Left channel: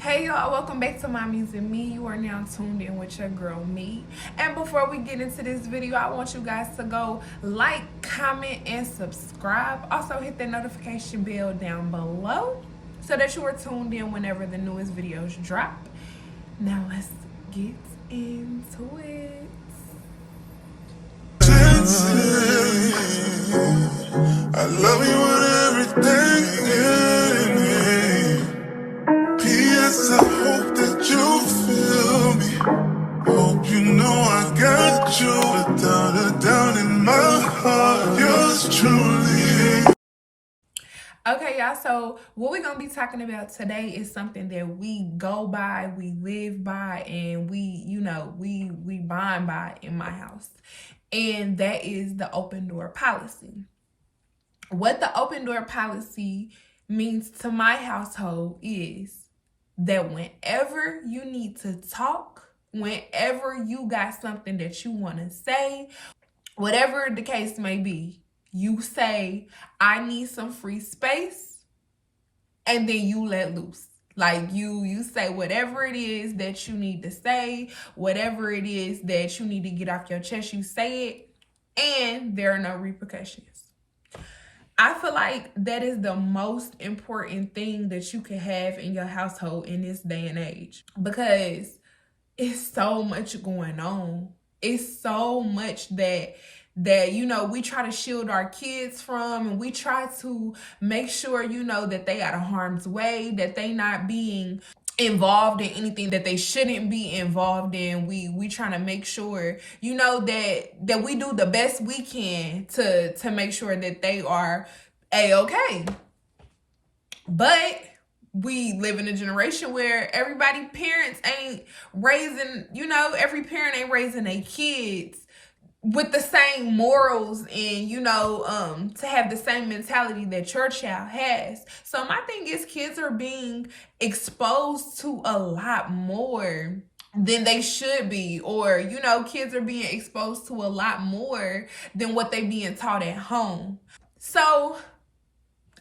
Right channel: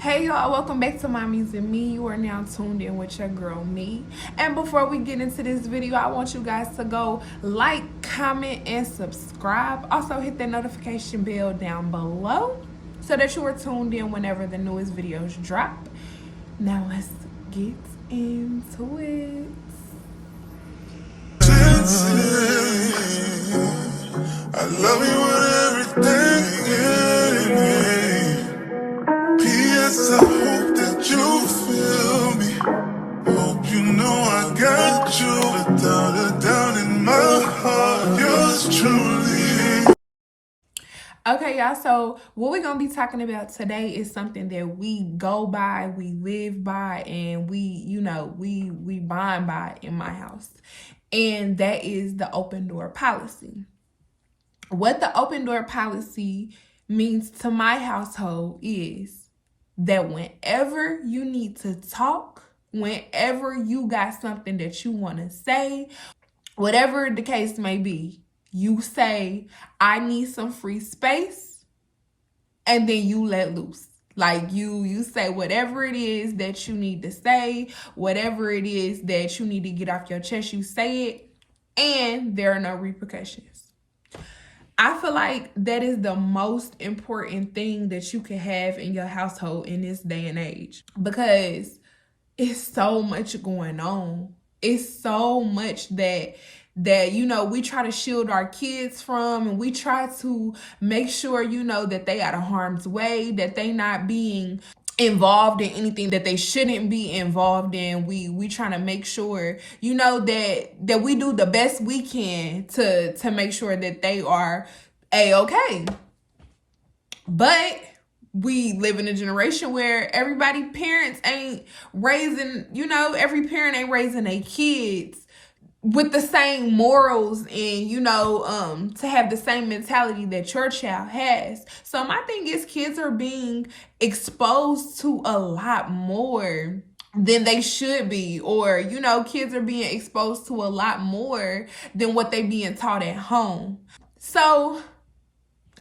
Hey y'all, welcome back to Mommies and Me. You are now tuned in with your girl Me. And before we get into this video, I want you guys to go like, comment, and subscribe. Also hit that notification bell down below so that you are tuned in whenever the newest videos drop. Now let's get into it. I love you with everything. P.S. I hope that you feel me. Hope you know I got you without a doubt in my heart. Yours truly. Okay, y'all, so what we're going to be talking about today is something that we go by, we live by, and we bond by in my house. And that is the open door policy. What the open door policy means to my household is that whenever you need to talk, whenever you got something that you want to say, whatever the case may be, you say, I need some free space, and then you let loose. Like you say whatever it is that you need to say, whatever it is that you need to get off your chest, you say it, and there are no repercussions. I feel like that is the most important thing that you can have in your household in this day and age, because it's so much going on. It's so much that we try to shield our kids from, and we try to make sure that they out of harm's way, that they not being involved in anything that they shouldn't be involved in. We trying to make sure that we do the best we can to make sure that they are a-okay. But we live in a generation where every parent ain't raising their kids with the same morals and to have the same mentality that your child has. So my thing is, kids are being exposed to a lot more than they should be, or kids are being exposed to a lot more than what they being taught at home. So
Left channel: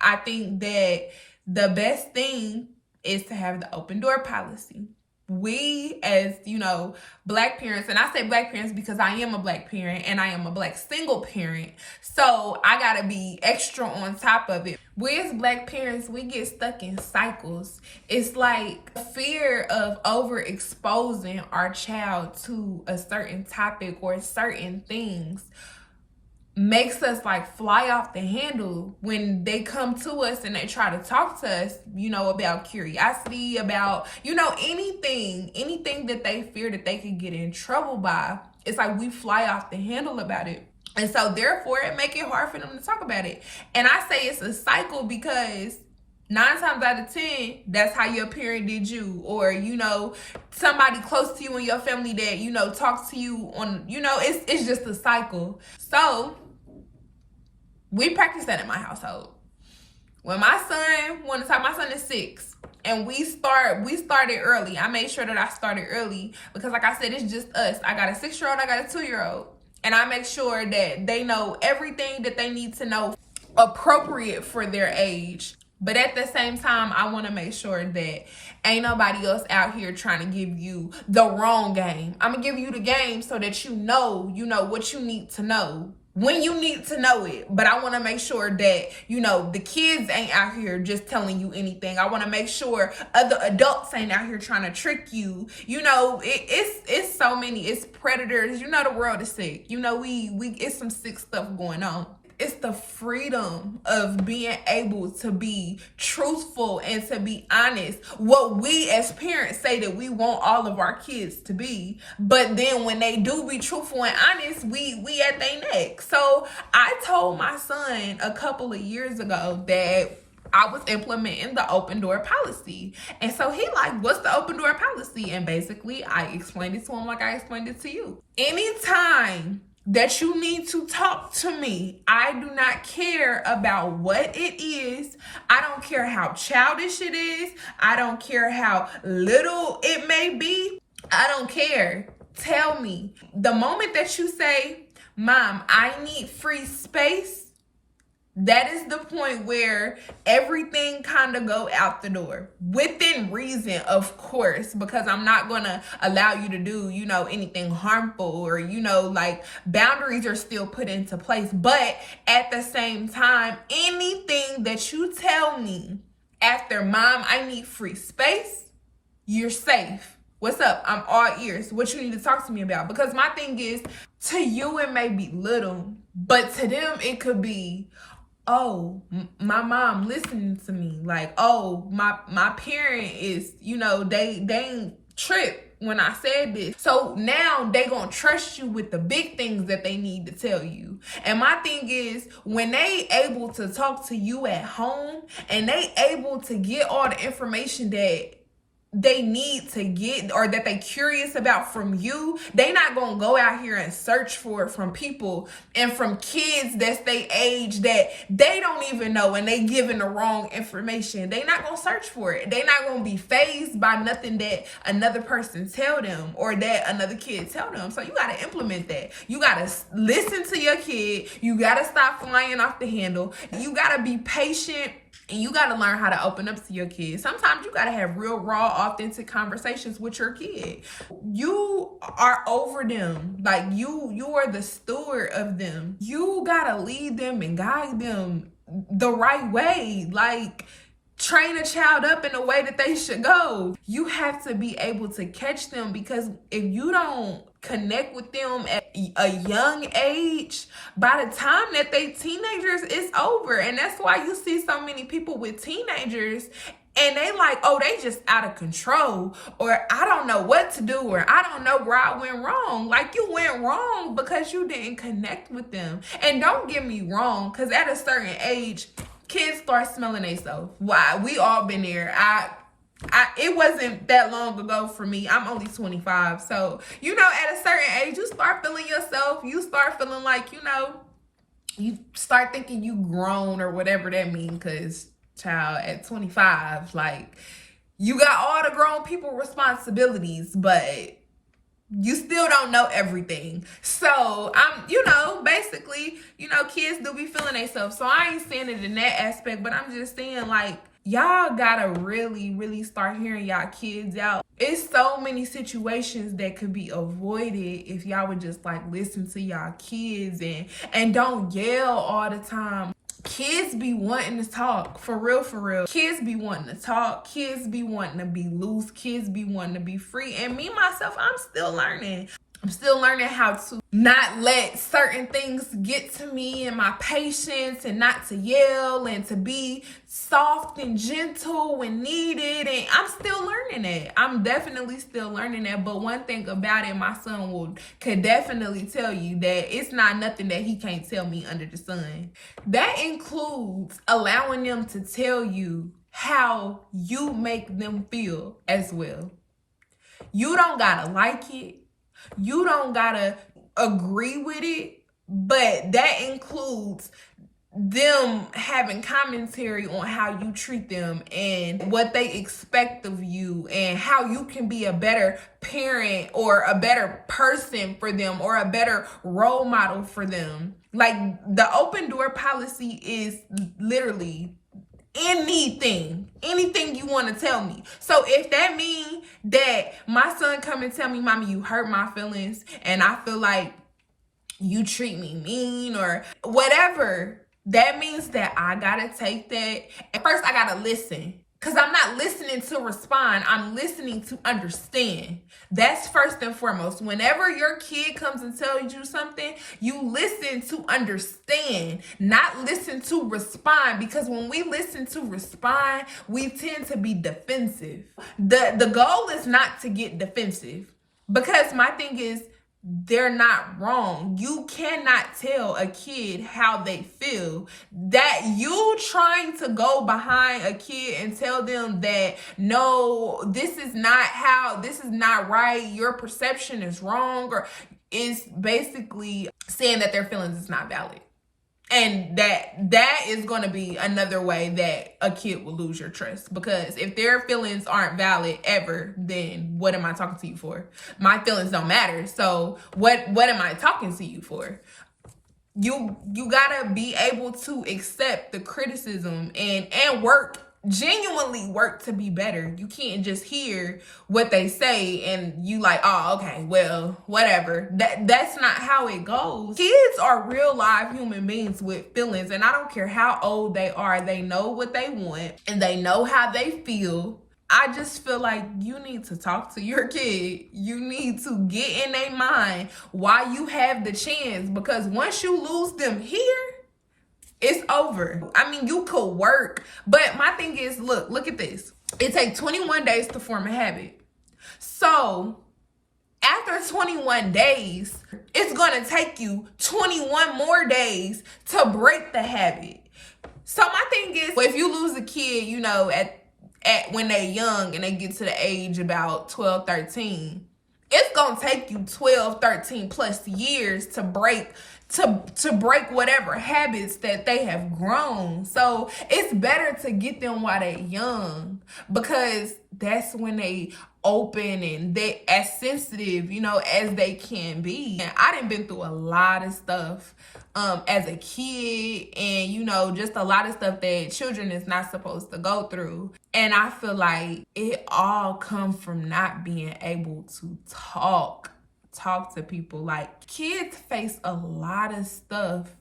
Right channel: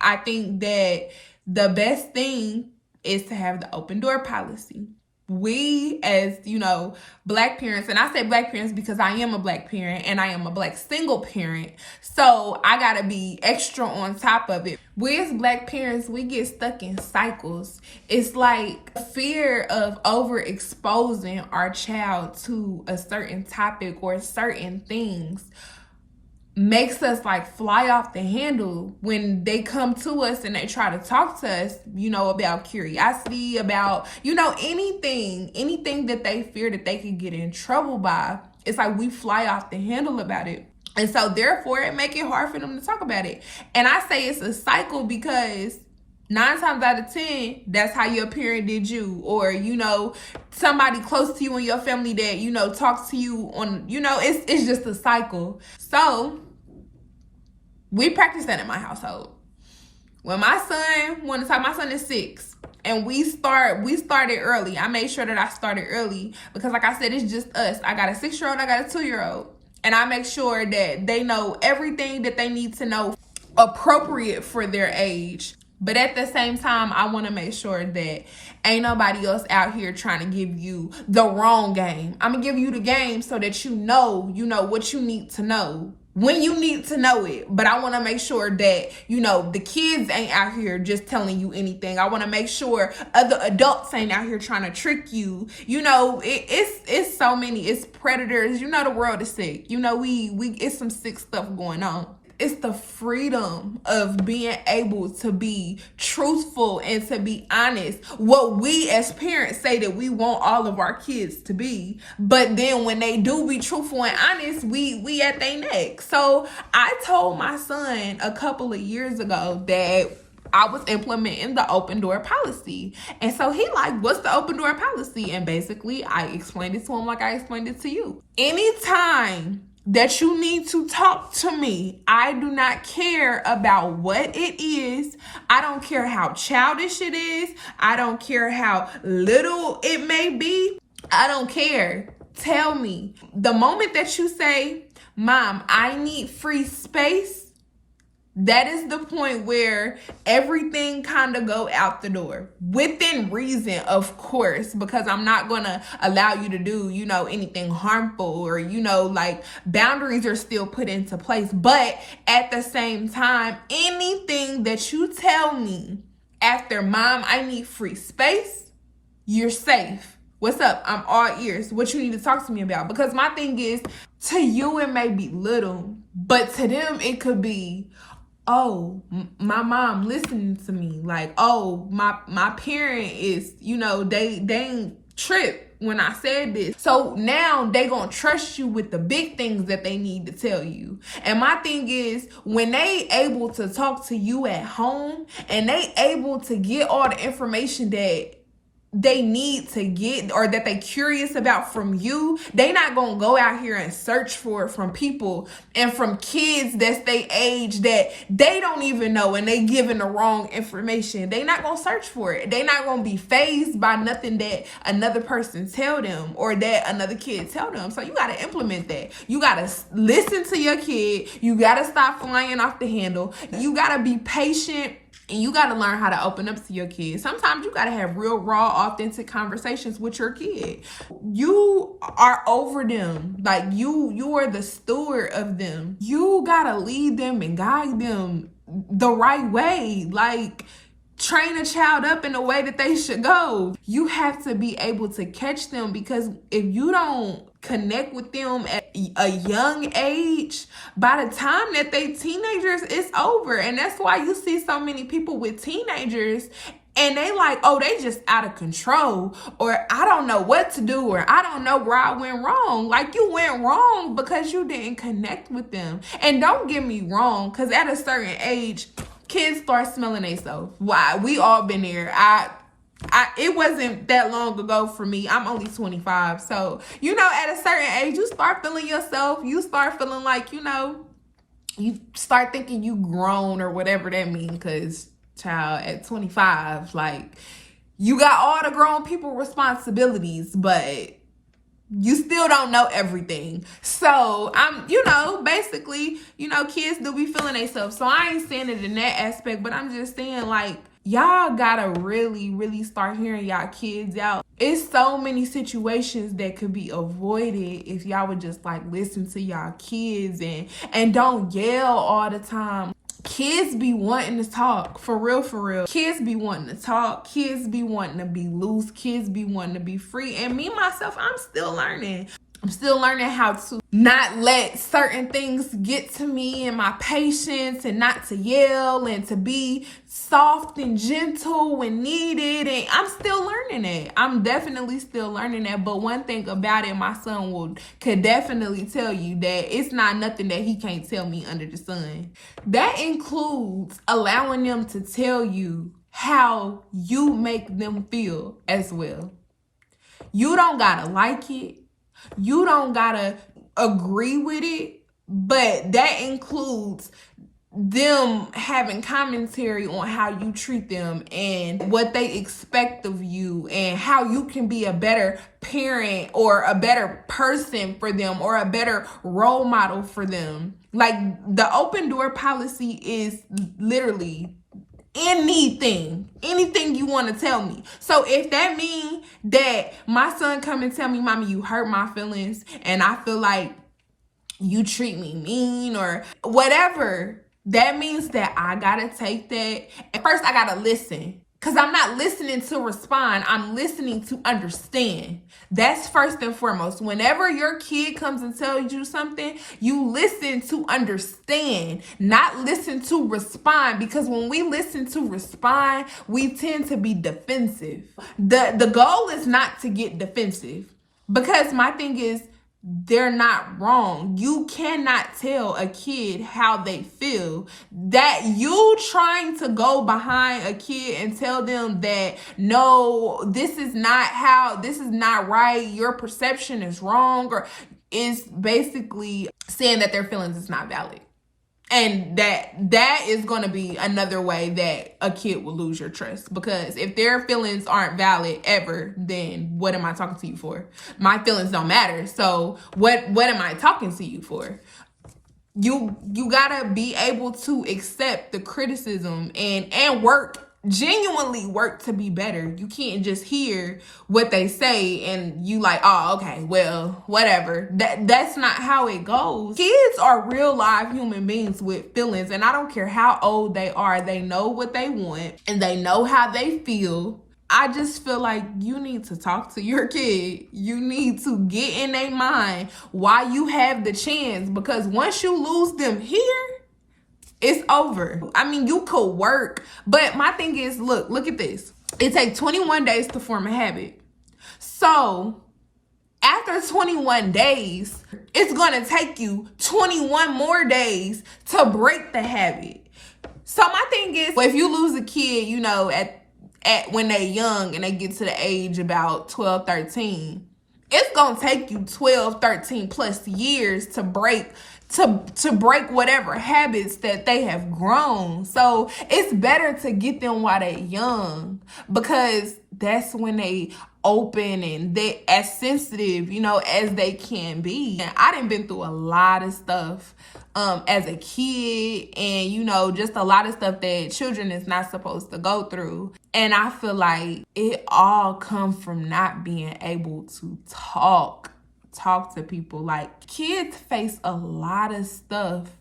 I think that the best thing is to have the open door policy. We, as Black parents, and I say Black parents because I am a Black parent and I am a Black single parent, so I gotta be extra on top of it. We as Black parents, we get stuck in cycles. It's like fear of overexposing our child to a certain topic or certain things makes us like fly off the handle when they come to us and they try to talk to us, about curiosity, about, anything that they fear that they could get in trouble by. It's like we fly off the handle about it. And so therefore it make it hard for them to talk about it. And I say it's a cycle because 9 times out of 10, that's how your parent did you, or somebody close to you in your family that talks to you on, it's just a cycle. So we practice that in my household. When my son wanted to talk, my son is 6, and we started early. I made sure that I started early because, like I said, it's just us. I got a 6-year-old, I got a 2-year-old, and I make sure that they know everything that they need to know appropriate for their age. But at the same time, I want to make sure that ain't nobody else out here trying to give you the wrong game. I'm going to give you the game so that you know what you need to know when you need to know it. But I want to make sure that, the kids ain't out here just telling you anything. I want to make sure other adults ain't out here trying to trick you. It's so many. It's predators. The world is sick. It's some sick stuff going on. It's the freedom of being able to be truthful and to be honest. What we as parents say that we want all of our kids to be, but then when they do be truthful and honest, we at their neck. So I told my son a couple of years ago that I was implementing the open door policy. And so he like, what's the open door policy? And basically I explained it to him like I explained it to you. Anytime that you need to talk to me, I do not care about what it is. I don't care how childish it is. I don't care how little it may be. I don't care. Tell me. The moment that you say, Mom, I need free space, That is the point where everything kind of go out the door within reason, of course, because I'm not going to allow you to do, anything harmful, or, like boundaries are still put into place. But at the same time, anything that you tell me after, Mom, I need free space, you're safe. What's up? I'm all ears. What you need to talk to me about? Because my thing is, to you it may be little, but to them it could be, oh, my mom listening to me. Like, oh, my parent is, they ain't tripped when I said this. So now they gonna trust you with the big things that they need to tell you. And my thing is, when they able to talk to you at home and they able to get all the information that they need to get, or that they curious about from you, they not gonna go out here and search for it from people and from kids that's they age that they don't even know, and they giving the wrong information. They not gonna search for it. They not gonna be fazed by nothing that another person tell them or that another kid tell them. So you gotta implement that. You gotta listen to your kid. You gotta stop flying off the handle. You gotta be patient. And you got to learn how to open up to your kids. Sometimes you got to have real, raw, authentic conversations with your kid. You are over them. Like, you are the steward of them. You got to lead them and guide them the right way. Like, train a child up in the way that they should go. You have to be able to catch them, because if you don't connect with them at a young age, by the time that they teenagers, it's over. And that's why you see so many people with teenagers and they like, oh, they just out of control, or I don't know what to do, or I don't know where I went wrong. Like, you went wrong because you didn't connect with them. And don't get me wrong, because at a certain age, kids start smelling themselves. Why? We all been there. It wasn't that long ago for me. I'm only 25. So, at a certain age, you start feeling yourself. You start feeling like, you start thinking you grown, or whatever that means. Because, child, at 25, like, you got all the grown people responsibilities, but you still don't know everything. So I'm, basically, kids do be feeling themselves. So I ain't saying it in that aspect, but I'm just saying, like, y'all gotta really, really start hearing y'all kids out. It's so many situations that could be avoided if y'all would just, like, listen to y'all kids and don't yell all the time. Kids be wanting to talk, for real. Kids be wanting to talk. Kids be wanting to be loose. Kids be wanting to be free. And me, myself, I'm still learning. I'm still learning how to not let certain things get to me, and my patience, and not to yell, and to be soft and gentle when needed. And I'm still learning that. I'm definitely still learning that. But one thing about it, my son could definitely tell you that it's not nothing that he can't tell me under the sun. That includes allowing them to tell you how you make them feel as well. You don't gotta like it. You don't gotta agree with it, but that includes them having commentary on how you treat them and what they expect of you, and how you can be a better parent or a better person for them, or a better role model for them. Like, the open door policy is literally anything you want to tell me. So if that means that my son come and tell me, Mommy, you hurt my feelings, and I feel like you treat me mean, or whatever, that means that I gotta take that. At first, I gotta listen, because I'm not listening to respond. I'm listening to understand. That's first and foremost. Whenever your kid comes and tells you something, you listen to understand, not listen to respond. Because when we listen to respond, we tend to be defensive. The goal is not to get defensive, because my thing is, they're not wrong. You cannot tell a kid how they feel. That you trying to go behind a kid and tell them that, no, this is not right, your perception is wrong, or is basically saying that their feelings is not valid. And that is going to be another way that a kid will lose your trust. Because if their feelings aren't valid ever, then what am I talking to you for? My feelings don't matter. So what am I talking to you for? You gotta be able to accept the criticism and work, genuinely work to be better. You can't just hear what they say and you like, oh, okay, well, whatever. That's not how it goes. Kids are real live human beings with feelings, and I don't care how old they are. They know what they want and they know how they feel. I just feel like you need to talk to your kid. You need to get in their mind while you have the chance, because once you lose them here, it's over. I mean, you could work, but my thing is, look at this. It takes 21 days to form a habit. So after 21 days, it's gonna take you 21 more days to break the habit. So my thing is, if you lose a kid, you know, at when they're young and they get to the age about 12, 13, it's gonna take you 12, 13 plus years to break whatever habits that they have grown. So it's better to get them while they're young, because that's when they open and they as sensitive, you know, as they can be. And I done been through a lot of stuff as a kid, and you know, just a lot of stuff that children is not supposed to go through. And I feel like it all comes from not being able to talk to people. Like, kids face a lot of stuff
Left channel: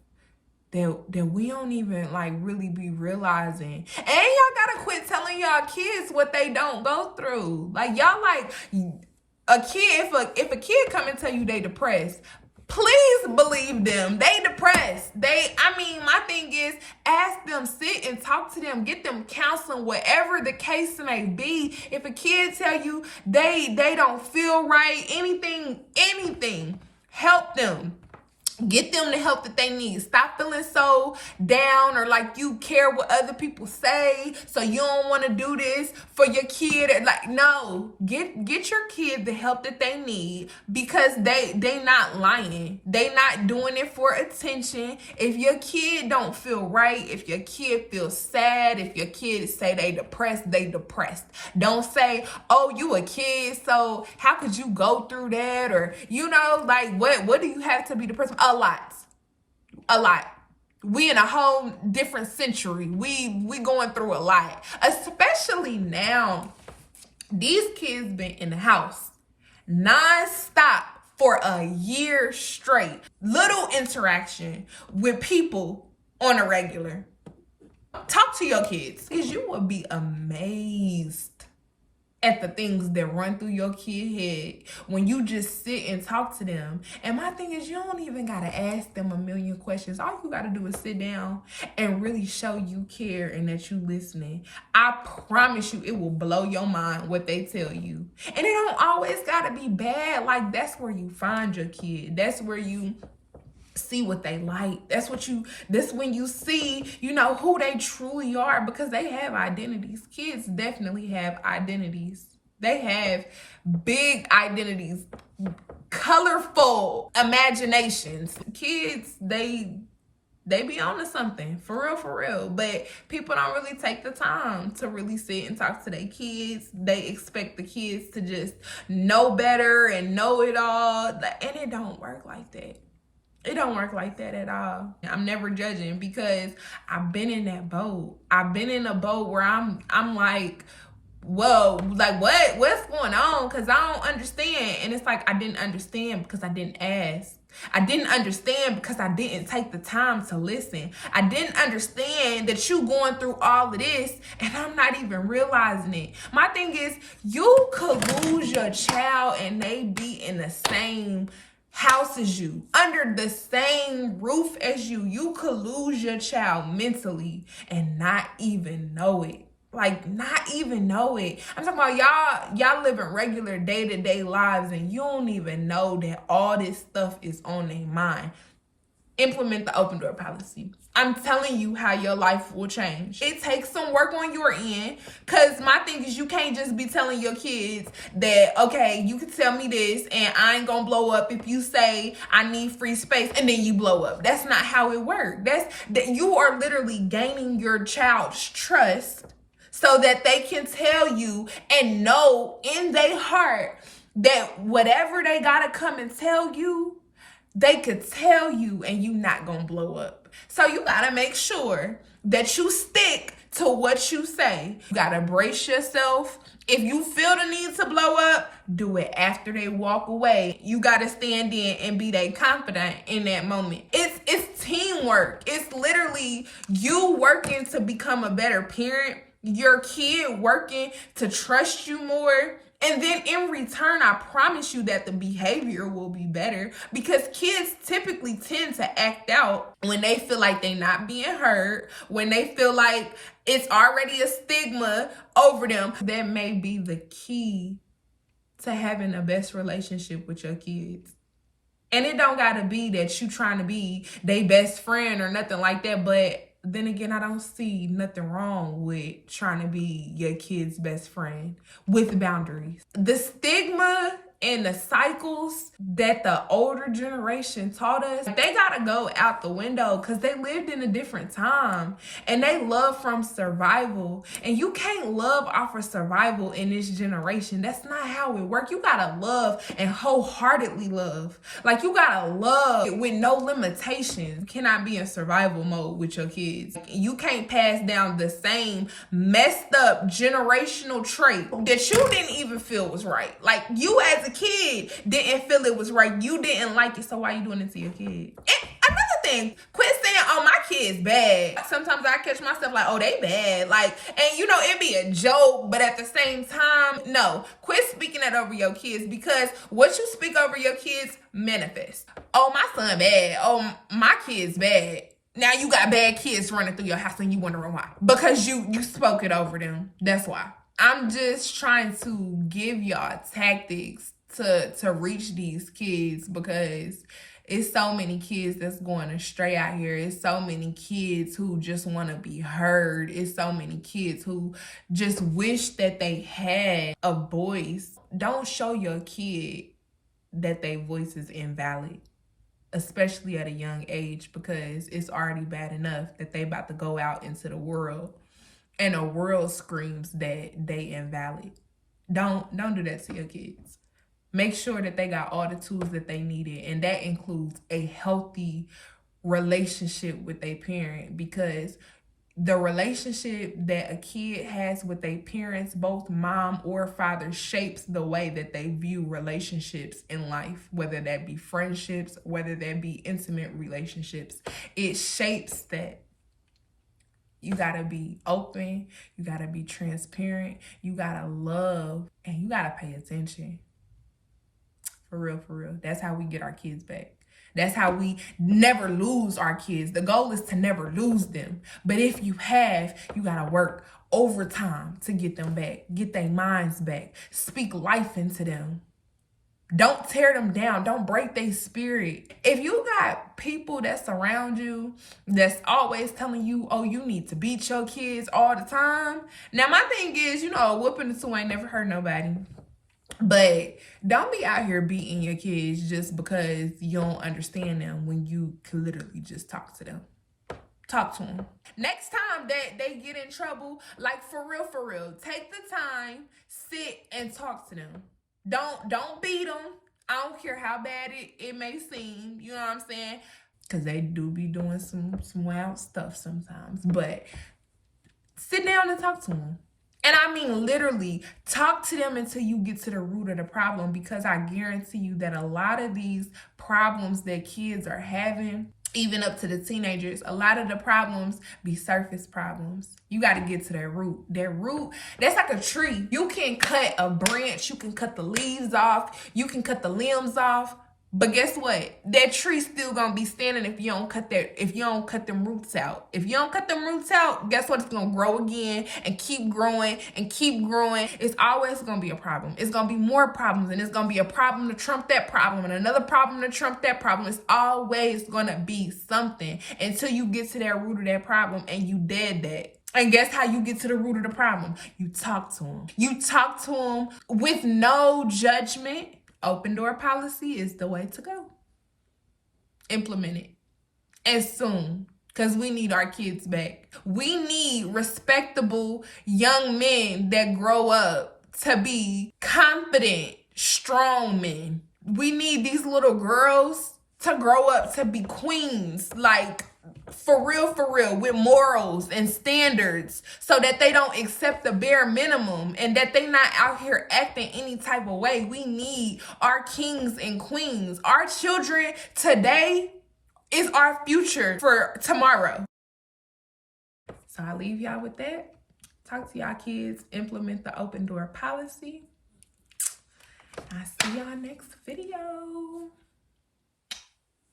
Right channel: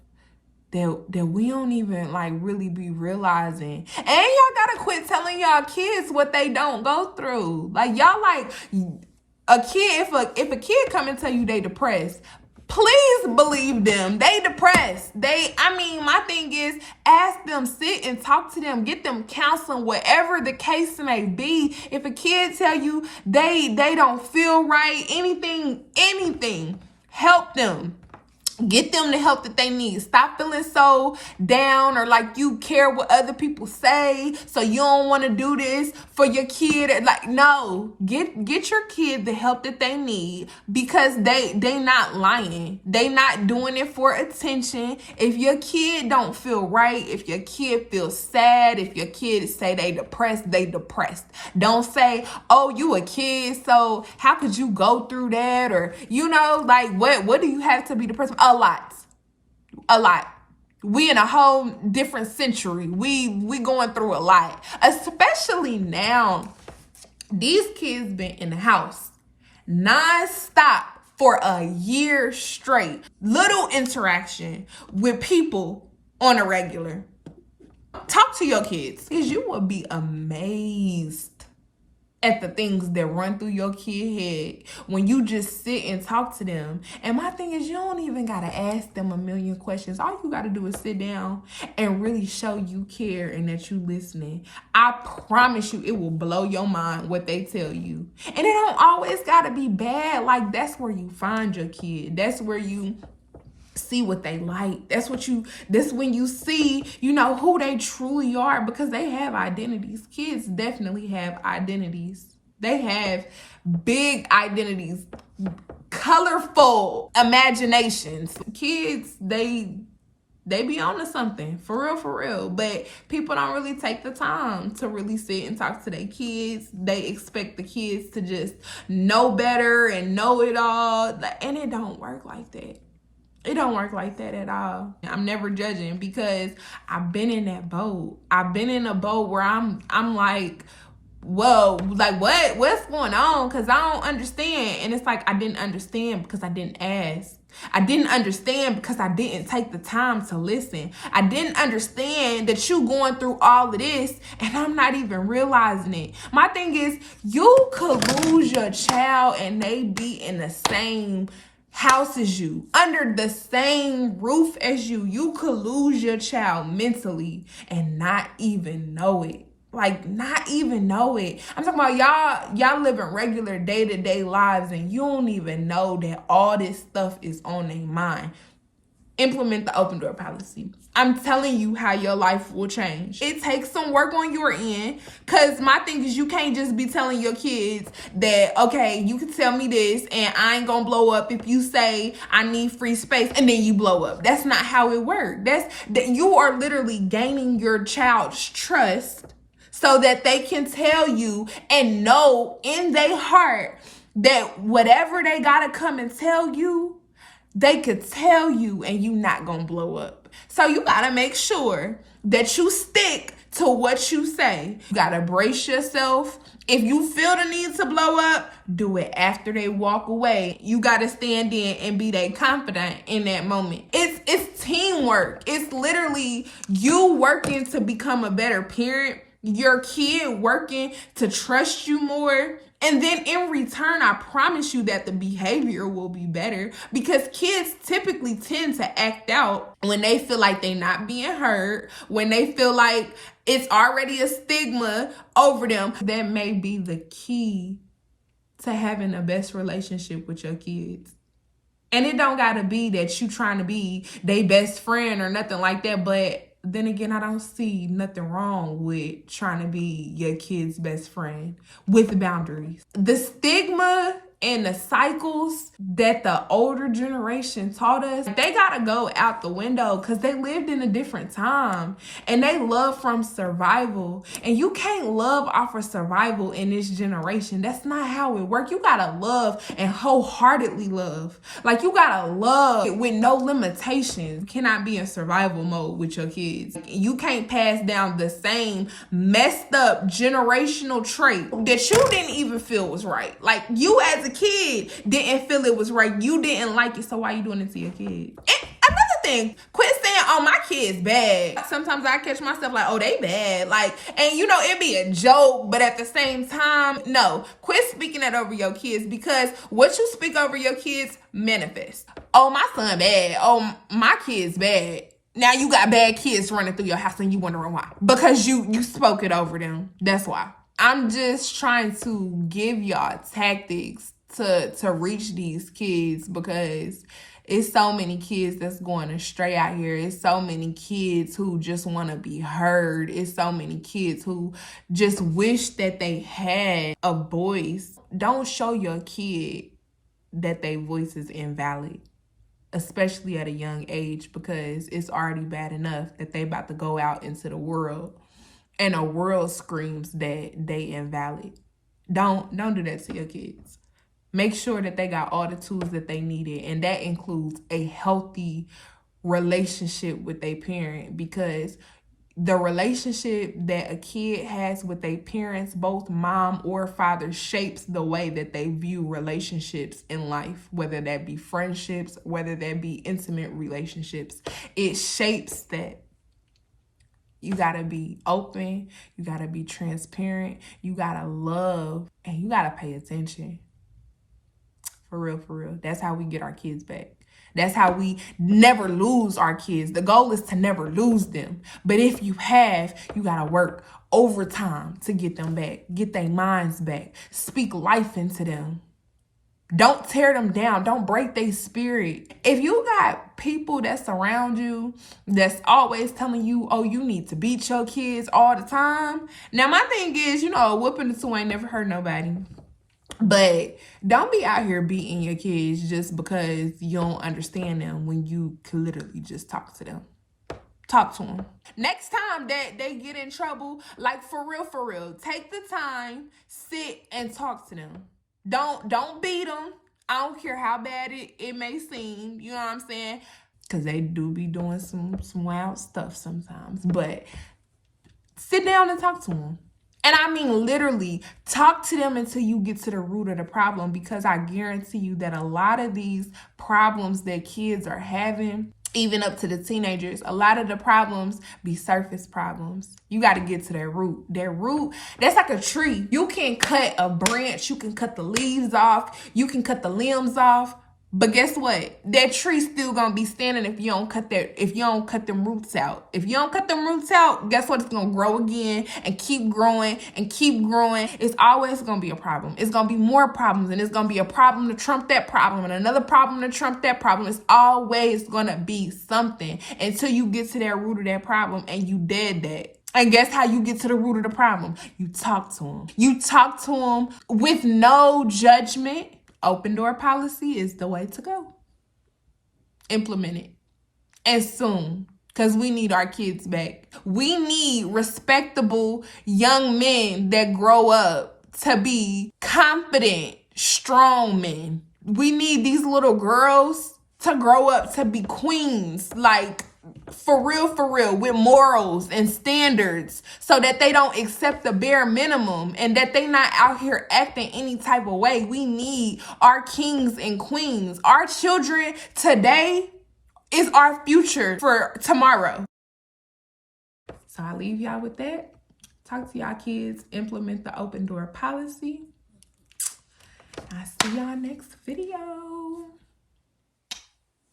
that we don't even like really be realizing. And y'all gotta quit telling y'all kids what they don't go through. Like, y'all like a kid, if a kid come and tell you they depressed, please believe them. They depressed. My thing is, ask them, sit and talk to them, get them counseling, whatever the case may be. If a kid tell you they don't feel right, anything, help them. Get them the help that they need. Stop feeling so down or like you care what other people say, so you don't want to do this for your kid. Like, no, get your kid the help that they need, because they not lying. They not doing it for attention. If your kid don't feel right, if your kid feels sad, if your kid say they depressed, they depressed. Don't say, oh, you a kid, so how could you go through that? Or, you know, like, what do you have to be depressed? A lot. We in a whole different century. We going through a lot, especially now. These kids been in the house non-stop for a year straight. Little interaction with people on a regular. Talk to your kids, because you will be amazed at the things that run through your kid head when you just sit and talk to them. And my thing is, you don't even gotta ask them a million questions. All you gotta do is sit down and really show you care and that you listening. I promise you, it will blow your mind what they tell you. And it don't always gotta be bad. Like, that's where you find your kid. That's where you see what they like. That's when you see, you know, who they truly are, because they have identities. Kids definitely have identities. They have big identities, colorful imaginations. Kids, they be on to something, for real. But people don't really take the time to really sit and talk to their kids. They expect the kids to just know better and know it all. And it don't work like that. It don't work like that at all. I'm never judging, because I've been in that boat. I've been in a boat where I'm like, whoa, like what's going on? Because I don't understand. And it's like, I didn't understand because I didn't ask. I didn't understand because I didn't take the time to listen. I didn't understand that you going through all of this and I'm not even realizing it. My thing is, you could lose your child and they be in the same house as you, under the same roof as you. You could lose your child mentally and not even know it. Like, not even know it. I'm talking about y'all living regular day-to-day lives and you don't even know that all this stuff is on their mind. Implement the open door policy. I'm telling you how your life will change. It takes some work on your end, because my thing is, you can't just be telling your kids that, okay, you can tell me this and I ain't gonna blow up if you say I need free space and then you blow up. That's not how it works. You are literally gaining your child's trust so that they can tell you and know in their heart that whatever they gotta come and tell you, They could tell you and you not gonna blow up. So you gotta make sure that you stick to what you say. You gotta brace yourself. If you feel the need to blow up, do it after they walk away. You gotta stand in and be that confident in that moment. It's teamwork. It's literally you working to become a better parent, your kid working to trust you more. And then in return, I promise you that the behavior will be better, because kids typically tend to act out when they feel like they're not being heard, when they feel like it's already a stigma over them. That may be the key to having the best relationship with your kids. And it don't gotta be that you trying to be their best friend or nothing like that, but then again, I don't see nothing wrong with trying to be your kid's best friend with boundaries. The stigma and the cycles that the older generation taught us, they gotta go out the window, because they lived in a different time and they love from survival. And you can't love off of survival in this generation. That's not how it works. You gotta love and wholeheartedly love. Like, you gotta love with no limitations. You cannot be in survival mode with your kids. You can't pass down the same messed up generational trait that you didn't even feel was right. Like, you as a kid didn't feel it was right. You didn't like it, so why you doing it to your kid? And another thing, quit saying, oh, my kid's bad. Sometimes I catch myself like, oh, they bad. Like, and you know, it'd be a joke, but at the same time, no. Quit speaking that over your kids, because what you speak over your kids manifests. Oh, my son bad. Oh, my kid's bad. Now you got bad kids running through your house and you wondering why. Because you spoke it over them. That's why. I'm just trying to give y'all tactics to reach these kids, because it's so many kids that's going astray out here. It's so many kids who just want to be heard. It's so many kids who just wish that they had a voice. Don't show your kid that their voice is invalid, especially at a young age, because it's already bad enough that they about to go out into the world and the world screams that they invalid. Don't do that to your kids. Make sure that they got all the tools that they needed, and that includes a healthy relationship with their parent, because the relationship that a kid has with their parents, both mom or father, shapes the way that they view relationships in life, whether that be friendships, whether that be intimate relationships. It shapes that. You gotta be open, you gotta be transparent, you gotta love, and you gotta pay attention. For real. That's how we get our kids back. That's how we never lose our kids. The goal is to never lose them. But if you have, you gotta work overtime to get them back. Get their minds back. Speak life into them. Don't tear them down. Don't break their spirit. If you got people that surround you that's always telling you, oh, you need to beat your kids all the time. Now, my thing is, you know, whooping the two ain't never hurt nobody. But don't be out here beating your kids just because you don't understand them, when you can literally just talk to them. Talk to them. Next time that they get in trouble, like for real, take the time, sit and talk to them. Don't beat them. I don't care how bad it may seem. You know what I'm saying? Because they do be doing some wild stuff sometimes. But sit down and talk to them. And I mean, literally, talk to them until you get to the root of the problem, because I guarantee you that a lot of these problems that kids are having, even up to the teenagers, a lot of the problems be surface problems. You got to get to that root. That root, that's like a tree. You can cut a branch, you can cut the leaves off, you can cut the limbs off. But guess what? That tree's still gonna be standing if you don't cut them roots out. If you don't cut them roots out, guess what? It's gonna grow again and keep growing and keep growing. It's always gonna be a problem. It's gonna be more problems, and it's gonna be a problem to trump that problem and another problem to trump that problem. It's always gonna be something until you get to that root of that problem and you dead that. And guess how you get to the root of the problem? You talk to them. You talk to them with no judgment. Open door policy is the way to go. Implement it. And soon. Because we need our kids back. We need respectable young men that grow up to be confident, strong men. We need these little girls to grow up to be queens, like for real, with morals and standards, so that they don't accept the bare minimum and that they not out here acting any type of way. We need our kings and queens. Our children today is our future for tomorrow. So I leave y'all with that. Talk to y'all kids, implement the open door policy. I'll see y'all next video.